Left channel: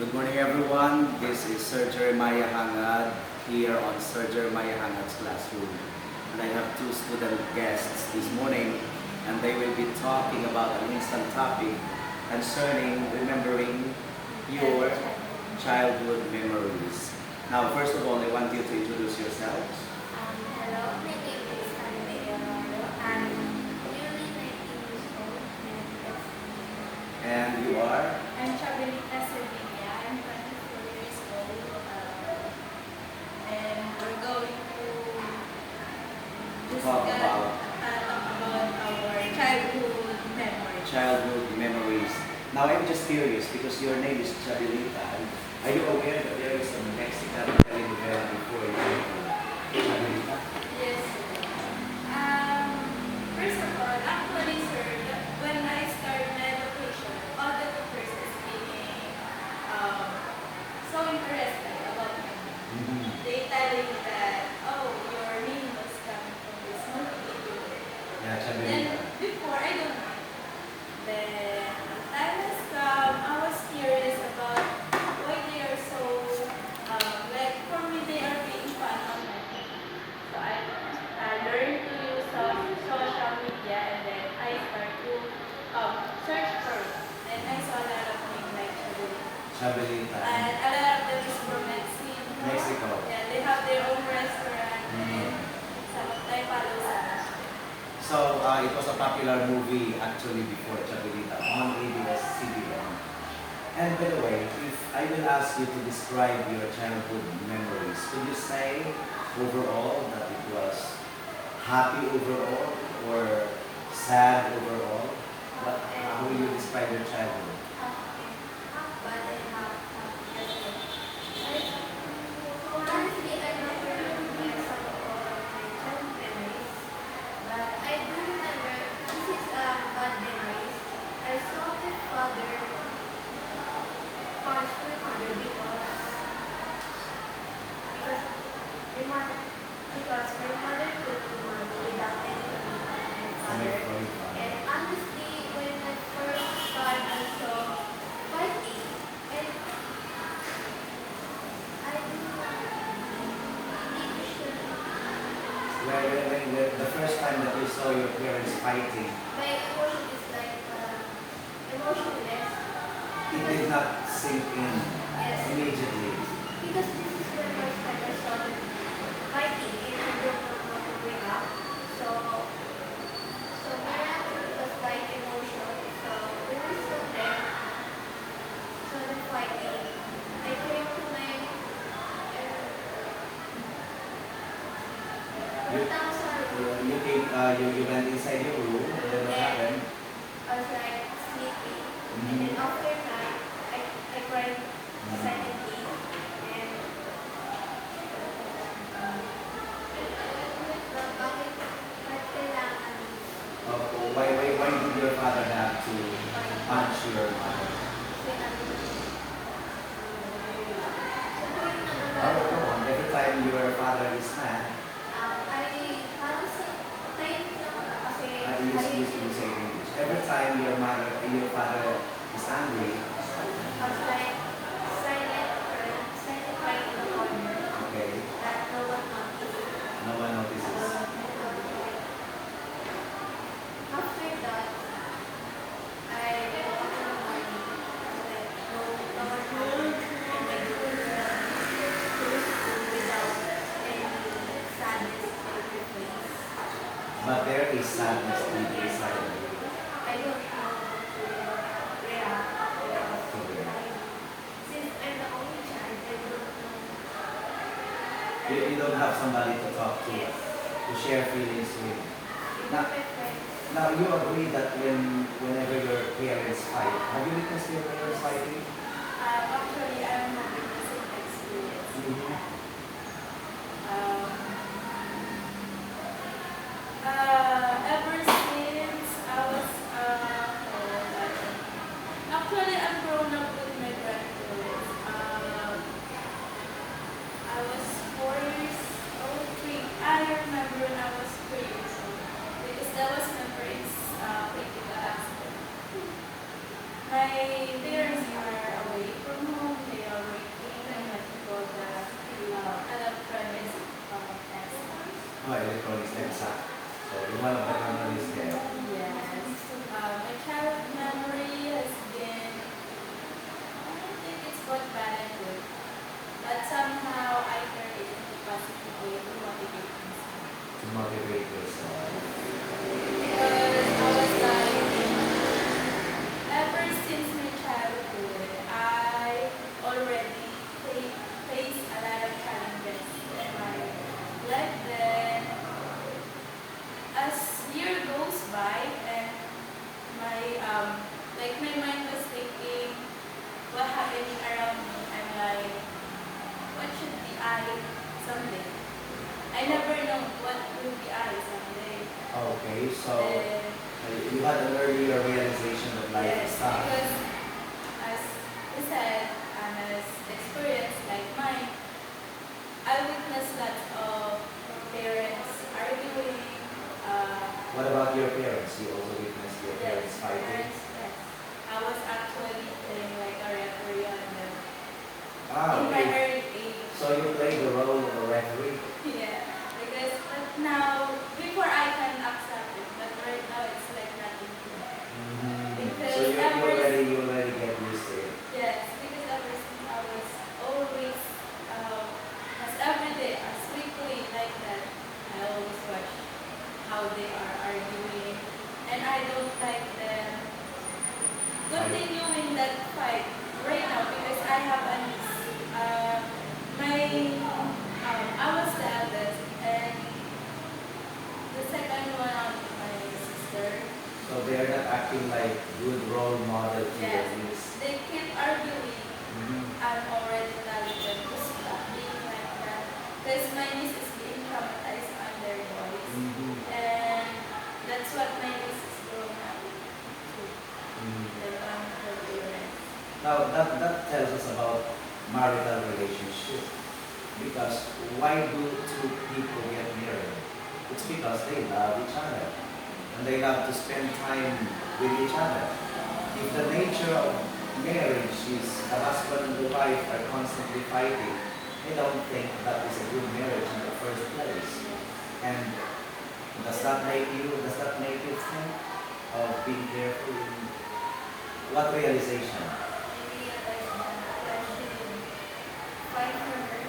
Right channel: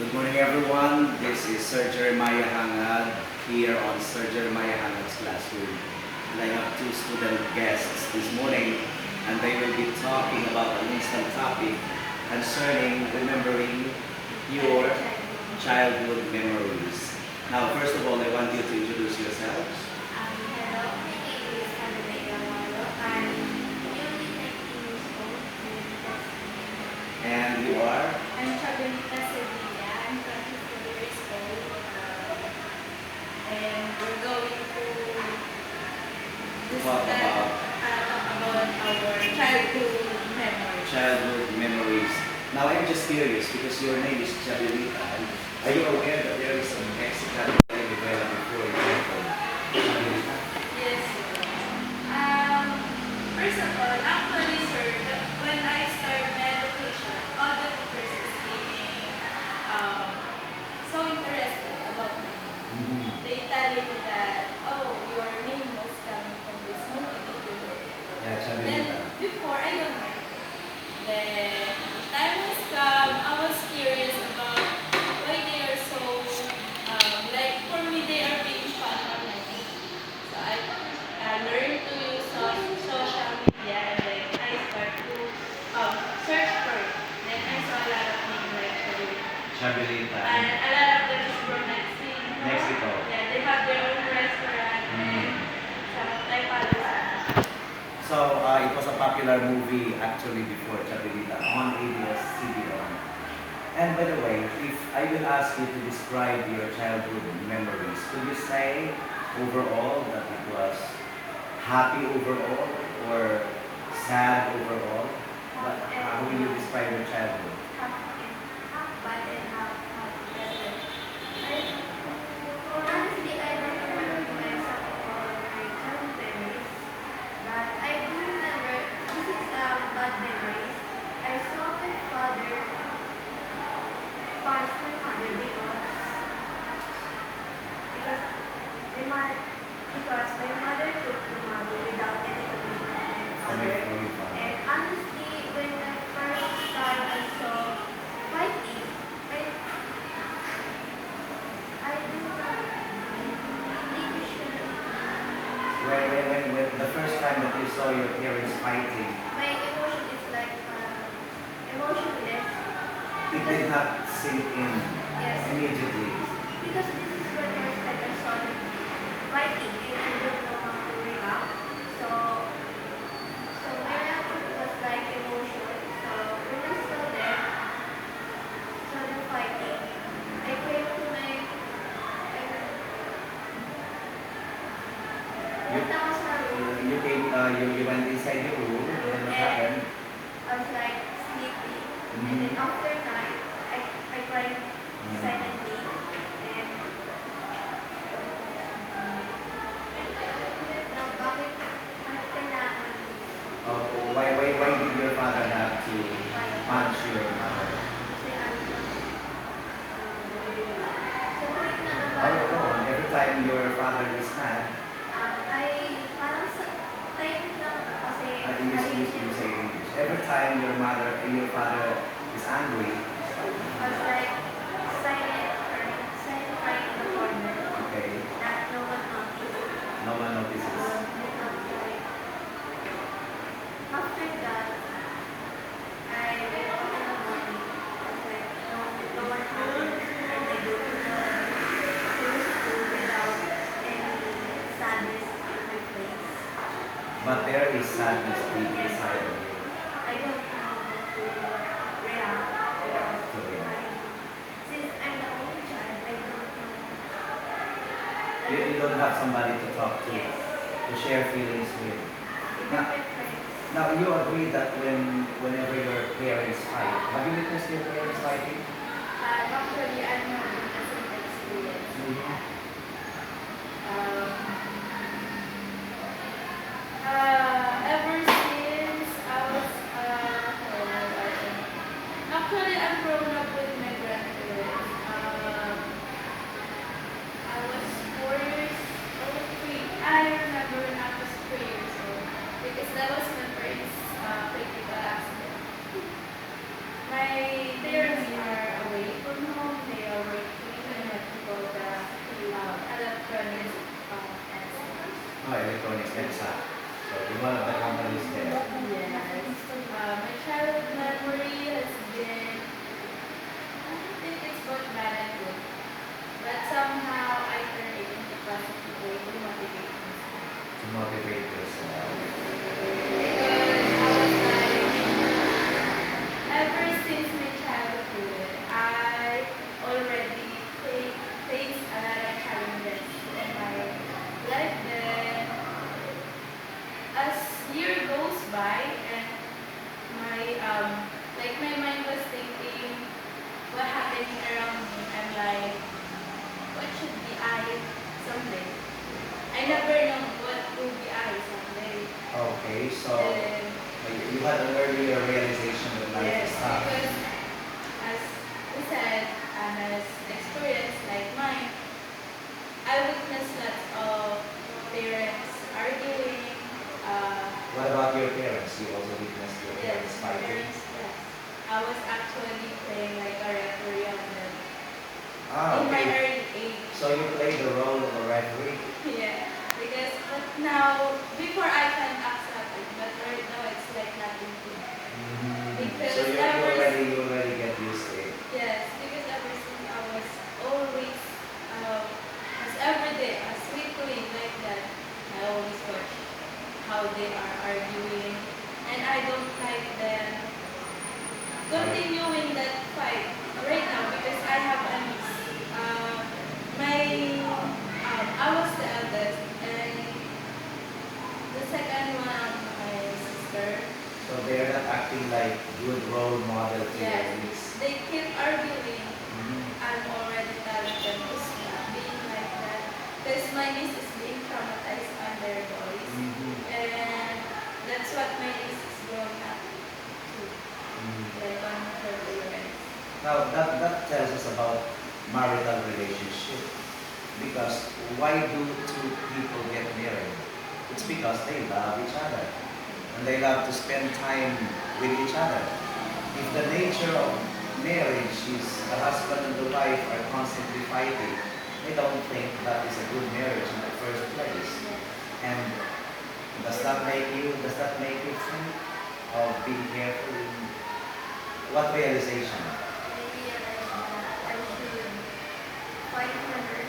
Good morning everyone. This is Sir Jeremiah Hangad here on Sir Jeremiah Hangad's classroom. And I have two student guests this morning and they will be talking about an instant topic concerning remembering your childhood memories. Now, first of all, I want you to introduce yourselves. Hello, my name is Amelia Maro. I'm nearly 19 years old And you are? I'm Chabelita Sevilla. I'm 24 years old. And we're going to Talk about our childhood memories. childhood memories. Now, I'm just curious because your name is Chabelita. Are you aware that there is a Mexican telenovela before you came from Chabelita? Yes. First of all, actually, sir, when I started my education, all the teachers is being so interested about me. They tell me that, oh, your name was coming from this movie that you were. Yeah, Then, Chabelita. before, I don't mind. Then, time has come, I was curious about why they are so, like, for me, they are being fun on my thing. So, I learned to use social media and then I start to search for it. Then, I saw a lot of names like Chabelita. and a lot of them is from Mexico. Mexico. Yeah, they have their own restaurant Mhm. and some like follow some. So, it was a popular movie actually before Chabelita on ABS-CBN. And by the way, if I will ask you to describe your childhood memories, could you say overall that it was happy overall or sad overall? How will you describe your childhood? Half bad and half better. Honestly, I don't remember some of my childhood memories, but I do remember this is bad memories. I saw my father punch my mother because my mother took the money without any permission from my father. And honestly, when the first time I saw fighting, I do not think you should. When the first time that you saw your parents fighting, My emotion is like emotionless. it did not sink in Yes. immediately. Because this is the first time I saw them fighting and I don't know how to bring up. So my reaction was like emotion. So when I saw them fighting, I came to my You, what else you came, you went inside your room, and then what happened? I was like sleepy. And then after night, I cried silently. And bakit kailangan Why did your father have to punch your mother? Oh, every time your father is mad, you say English. Every time your father is angry, okay, no one notices. After that, I wake up in the morning. I was like, no one home. And I go to the school without any sadness in my face. But there is sadness deep inside of you. I don't know how to react. Okay. Since I'm the only child, I don't know. You don't have somebody to talk to, Yes. to share feelings with. Even my friends. Now, you agree that whenever your parents fight, have you witnessed your parents fighting? Actually, I'm having the same experience. Ever since I was, actually, I've grown up with my grandparents. I was 4 years old, 3. I remember when I was 3 years old because that was my first critical accident. My parents are away from home. They one of the memories there. Yes. My childhood memory has been, I don't think it's both bad and good, but somehow I turn it into positive way to motivate myself. To motivate yourself. Because I was like, ever since my childhood, I already faced a lot of challenges in my life. Then, as year goes by, and my mind was thinking, what happening around me? I'm like, what should be I someday? I never know what will be I someday. Okay, so Then, you had an earlier realization that life yes, is tough. because as we said, and as experience like mine, I witnessed lots of parents arguing. What about your parents? You also witnessed your Yes, parents fighting? parents, yes. I was actually playing like a referee on them Ah, in my okay. early age. So you played the role of a referee? Yeah, because but now, before I can accept it, but right now it's like nothing to me. Because So ever you already get used to it. yes, because ever since I was always, as every day, as weekly like that, I always watch how they are arguing, and I don't like them continuing that fight right now because I have a niece. I was the eldest, and the second one, my sister. So they're not acting like good role model to your Yes, niece. they keep arguing. Mhm. I'm already telling them to stop being like that. Because my niece is being traumatized on their boys. Mhm. And that's what my niece is growing up to. Mhm. Like on her parents. Now that tells us about marital relationship. Because why do two people get married? It's because they love each other. And they love to spend time with each other. If the nature of marriage is the husband and the wife are constantly fighting, I don't think that is a good marriage in the first place. Yes. And does that make you think of being careful in what realization? I realized that I should fight for her.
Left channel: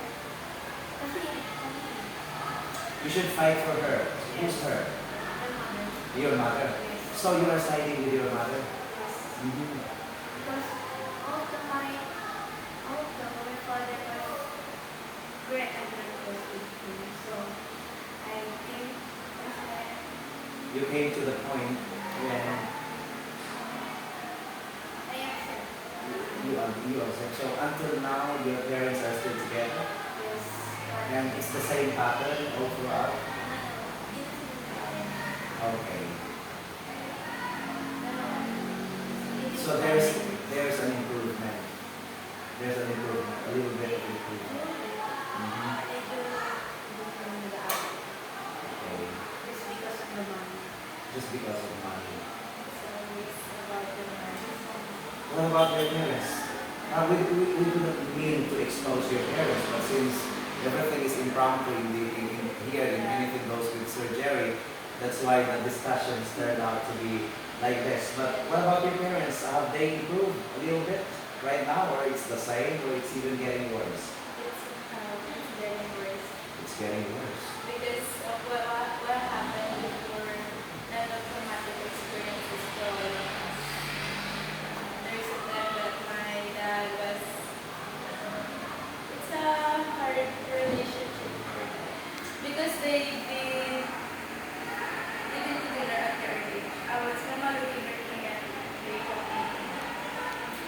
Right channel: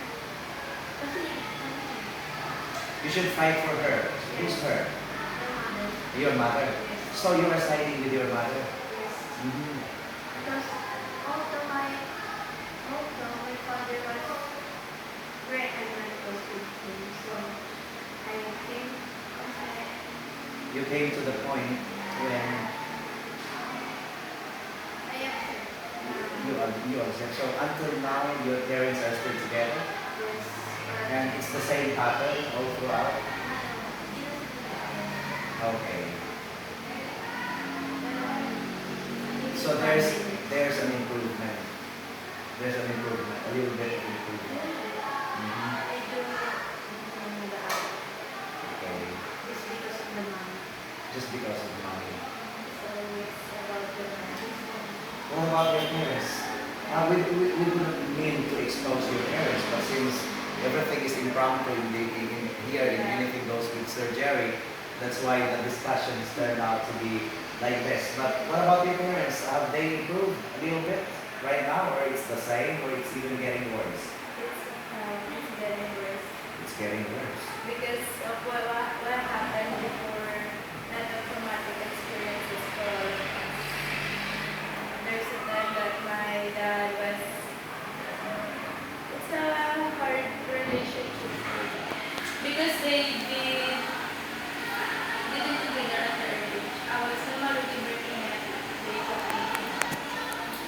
Kasi, You should fight for her. Who's her? Your mother. So you are siding with your mother? Mhm. Because although my father was very angry with him, so I think You came to the point when I accept. you accept. So until now, your parents are still together, Yes. and it's the same pattern all throughout. Okay. So there's an improvement. There's an improvement, a little bit of improvement. Mhm. Okay. Just because of money. What about your parents? We do not mean to expose your parents, but since everything is impromptu here in Anything Goes with Sir Jerry, that's why the discussions turned out to be like this. But what about your parents? Have they improved a little bit right now, or it's the same, or it's even getting worse? It's getting worse. It's getting worse. Because of what happened before that the traumatic experiences for all of us. There's a time that my dad was, it's a hard relationship because they didn't together at their age. I was already working at the age of 18.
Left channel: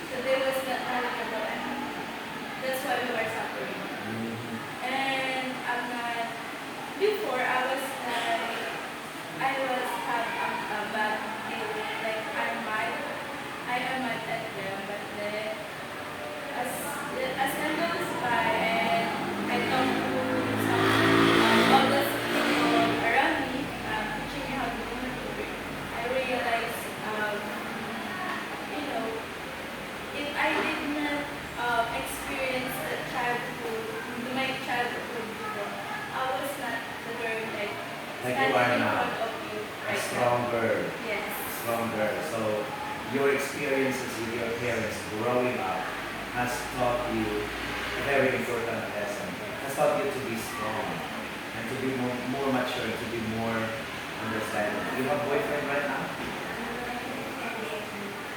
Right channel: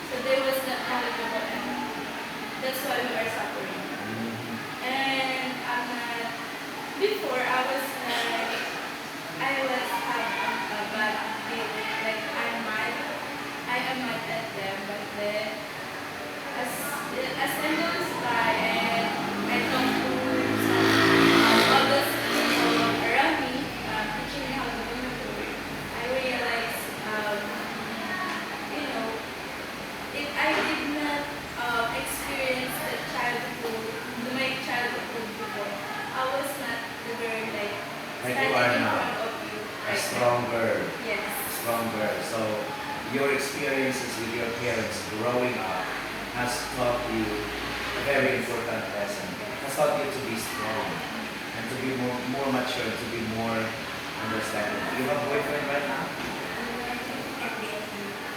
So they was not knowledgeable enough. That's why we were suffering. Mhm. And I'm not, before I was like, I was have a bad feeling, like I am mad at them, but then as time goes by and I talk to some all those people around me, teaching me how to do it, I realized, you know, if I did not experience my childhood before, I was not the girl like Like you standing are in now. front of you has taught you a very important lesson. Has taught you to be strong and to be more mature, to be more understanding. You have a boyfriend right now?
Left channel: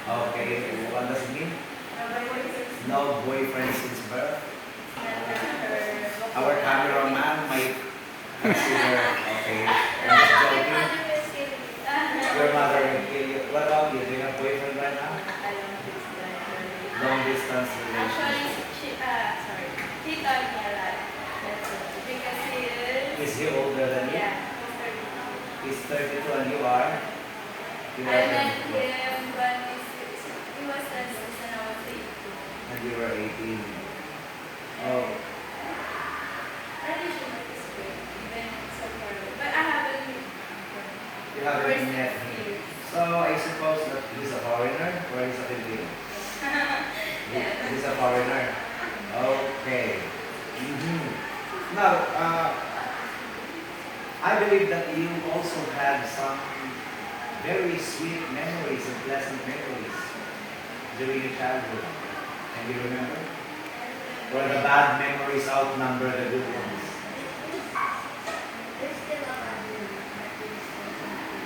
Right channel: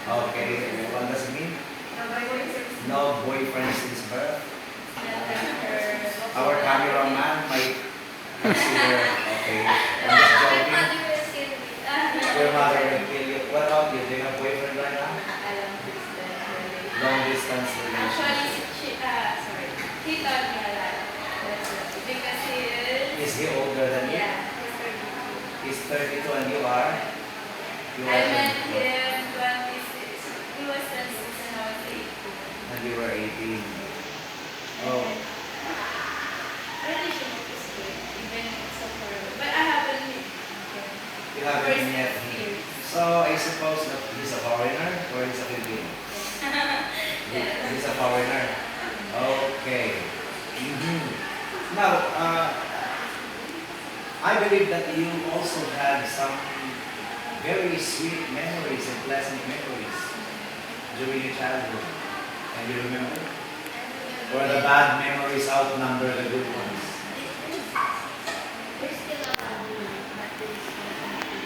Okay, what does it mean? No boyfriend since birth? Our cameraman might consider, okay, I'm just joking. Your mother will kill you. What about you? Do you have a boyfriend right now? Long distance Actually, relationship. he taught me a lot. That's it. Because he is. Is he older than you? Yeah, He's he's 32. 32 and you are? You I are met 32. him when he was 26 and I was 18. And you were 18. Oh, Our relationship is great, even so far. But I haven't met him. you haven't First met him. experience. So I suppose that he's a foreigner or he's a Filipino? Yeah. He's a foreigner. Okay. Now, I believe that you also had some very sweet memories and pleasant memories during your childhood. Can you remember? Or the bad memories outnumber the good ones? There's still a bad one, but there is still something.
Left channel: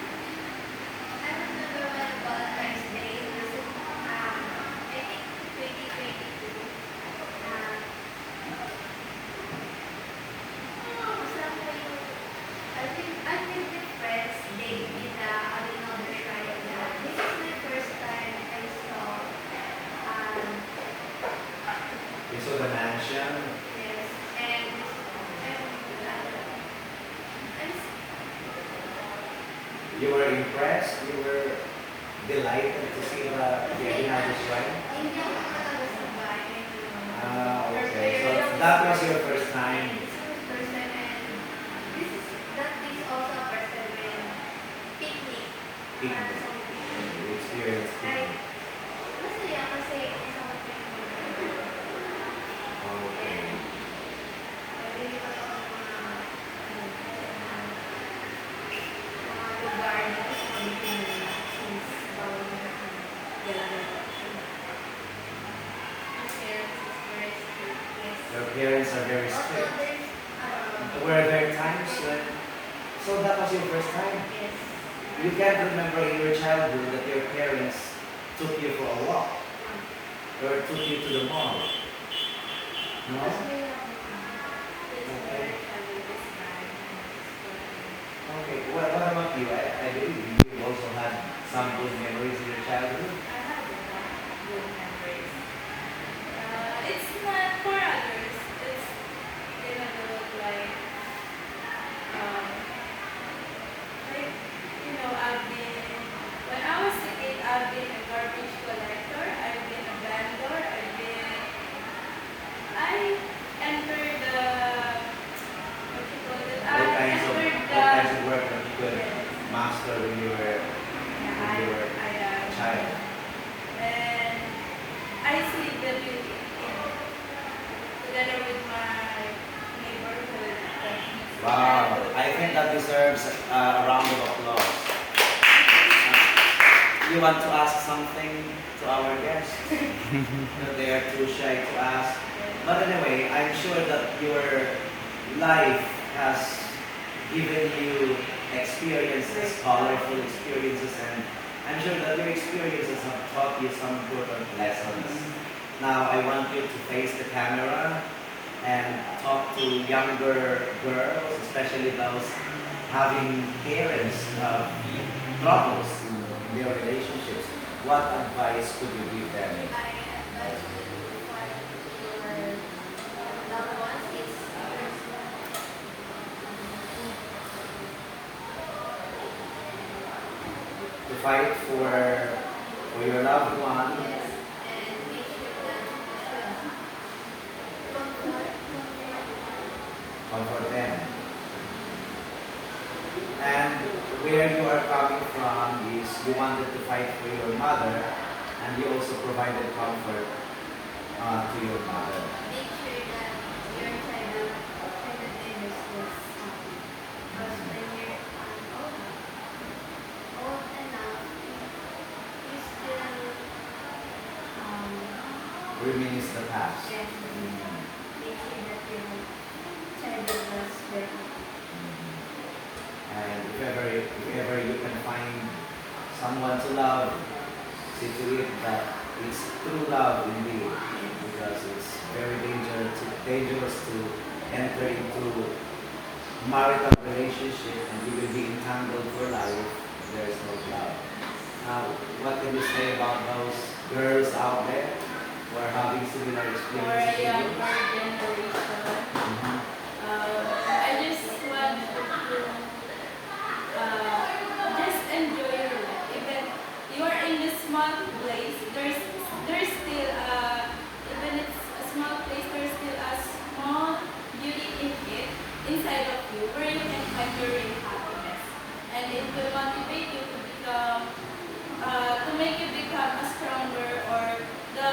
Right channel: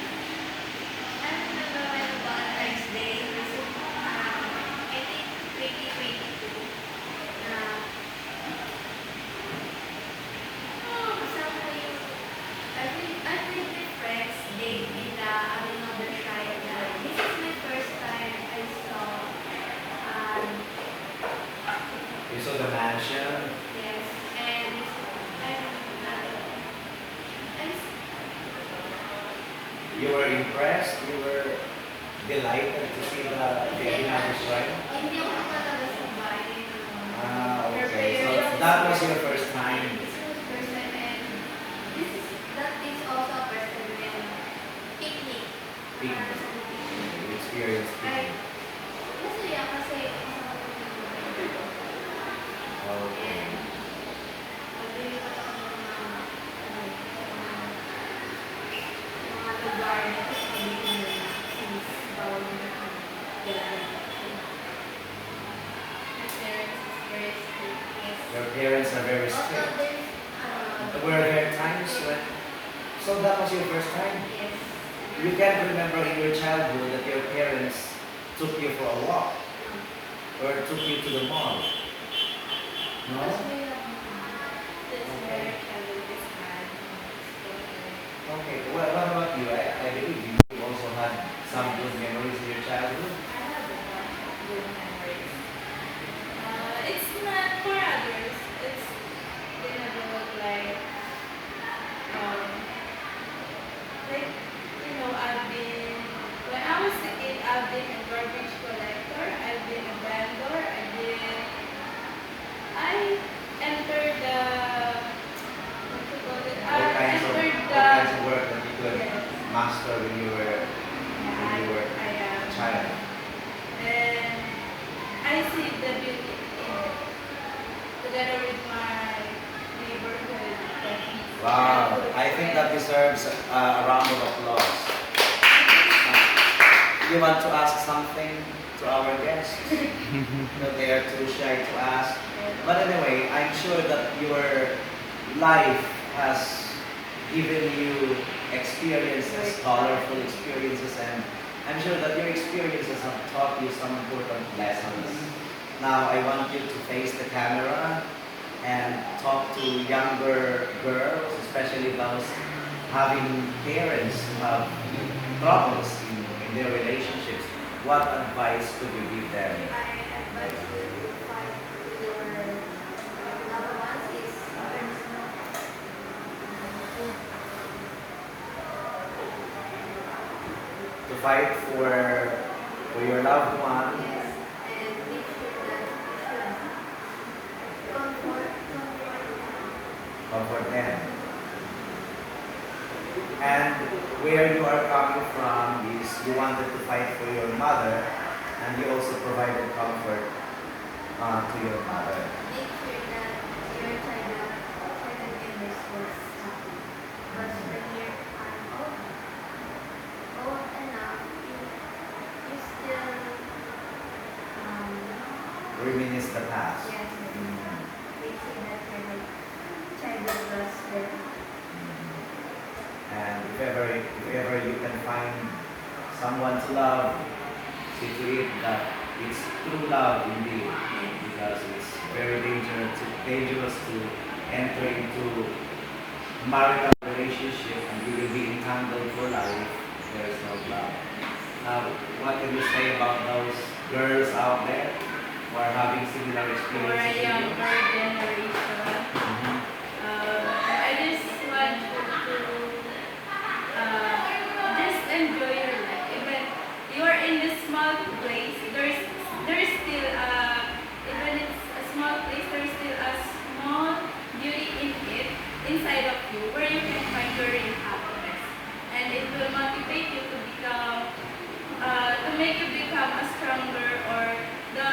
I remember when Valentine's Day was, I think 2022. Kasama yung, I feel my friends, they did another kind of, this is my first time I saw, You saw the mansion. yes, and I'm You were impressed. You were delighted to see the Vienna shrine. hindi ko talaga sabay. Ah, okay. So that was your first time. This was first time and that is also first time and picnic. Picnic. You experienced Ay, picnic. masaya kasi isama ko yung mga Okay. and paglilipat ako ng mga lugar na gusto ko dito na since bawal mo na galagal. Experience is very sweet. Yes. Your parents are very Also, strict. there's Were there times when? So that was your first time. yes. You can't remember in your childhood that your parents took you for a walk or took you to the mall. No. This is where travel is fun. Okay. What about you? I believe you also had some good memories in your childhood. I have a lot of good memories. It's not for others. It's they never look like I've been when I was a kid. I've been a garbage collector. I've been a vendor. I entered the what you call it? I entered What the kinds of work that you could Yes. master when you were Yeah, you were I a child? and I see the beauty in it. Together with my neighborhood friends. Wow, I think that deserves a round of applause. You want to ask something to our guests? They are too shy to ask. But anyway, I'm sure that your life has given you experiences, colorful experiences, and I'm sure that your experiences have taught you some important lessons. Now, I want you to face the camera and talk to younger girls, especially those having parents who have troubles in their relationships. What advice could you give them? I advise you to find your loved ones is To fight for your loved one, yes, and make sure that you should comfort them. And where you are coming from is you wanted to fight for your mother, and you also provided comfort to your mother. make sure that your child members was happy. Because when you're old enough, you still reminisce the past. Yes. Mm. They say that your childhood was better. And if ever you can find someone to love, see to it that it's true love indeed, because it's very dangerous to enter into marital relationship and you will be entangled for life if there is no love. What can you say about those girls out there who are having similar For a experiences with younger you? generation, Mhm. I just want you to just enjoy your life. Even you are in this small place, there's still even it's a small place, there's still a small beauty in it inside of you where you can find your real happiness, and it will motivate you to become to make you become a stronger or the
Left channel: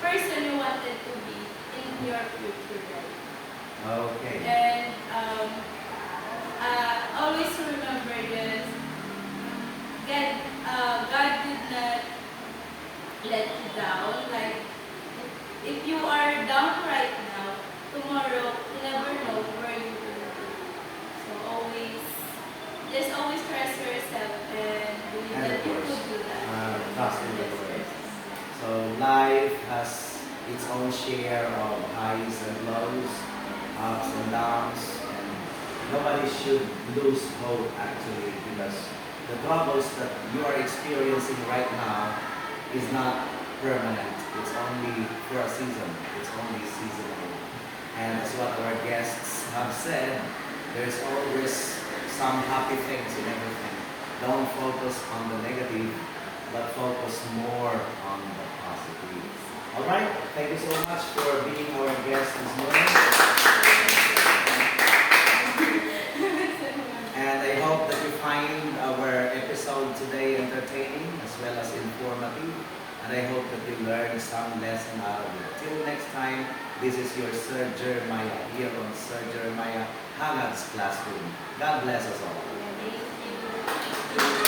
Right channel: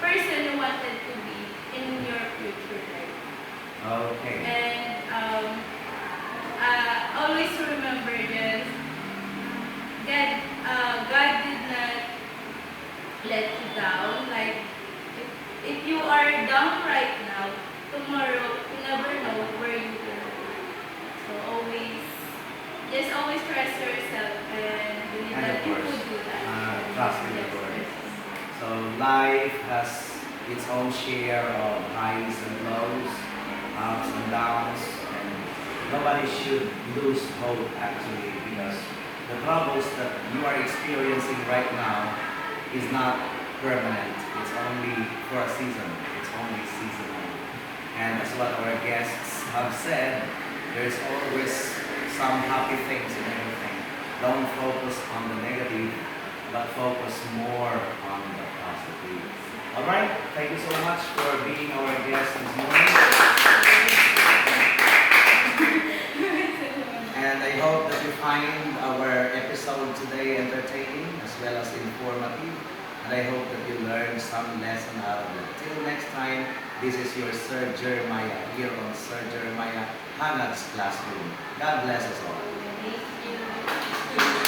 person you wanted to be in your future life. Okay. And always remember this. God did not let you down. Like if you are down right now, tomorrow you never know where you will be. So always trust yourself and believe And that of you course, could do that. trust in the Yes, Lord. yes. So life has its own share of highs and lows, ups and downs, and nobody should lose hope actually, because the troubles that you are experiencing right now is not permanent. It's only for a season. It's only seasonal. And as what our guests have said, there's always some happy things in everything. Don't focus on the negative, but focus more on the positive. All right. Thank you so much for being our guest this morning. And I hope that you find our episode today entertaining as well as informative. And I hope that you learn some lesson out of it. Till next time, this is your Sir Jeremiah here on Sir Jeremiah Hangad's Classroom. God bless us all. Thank you.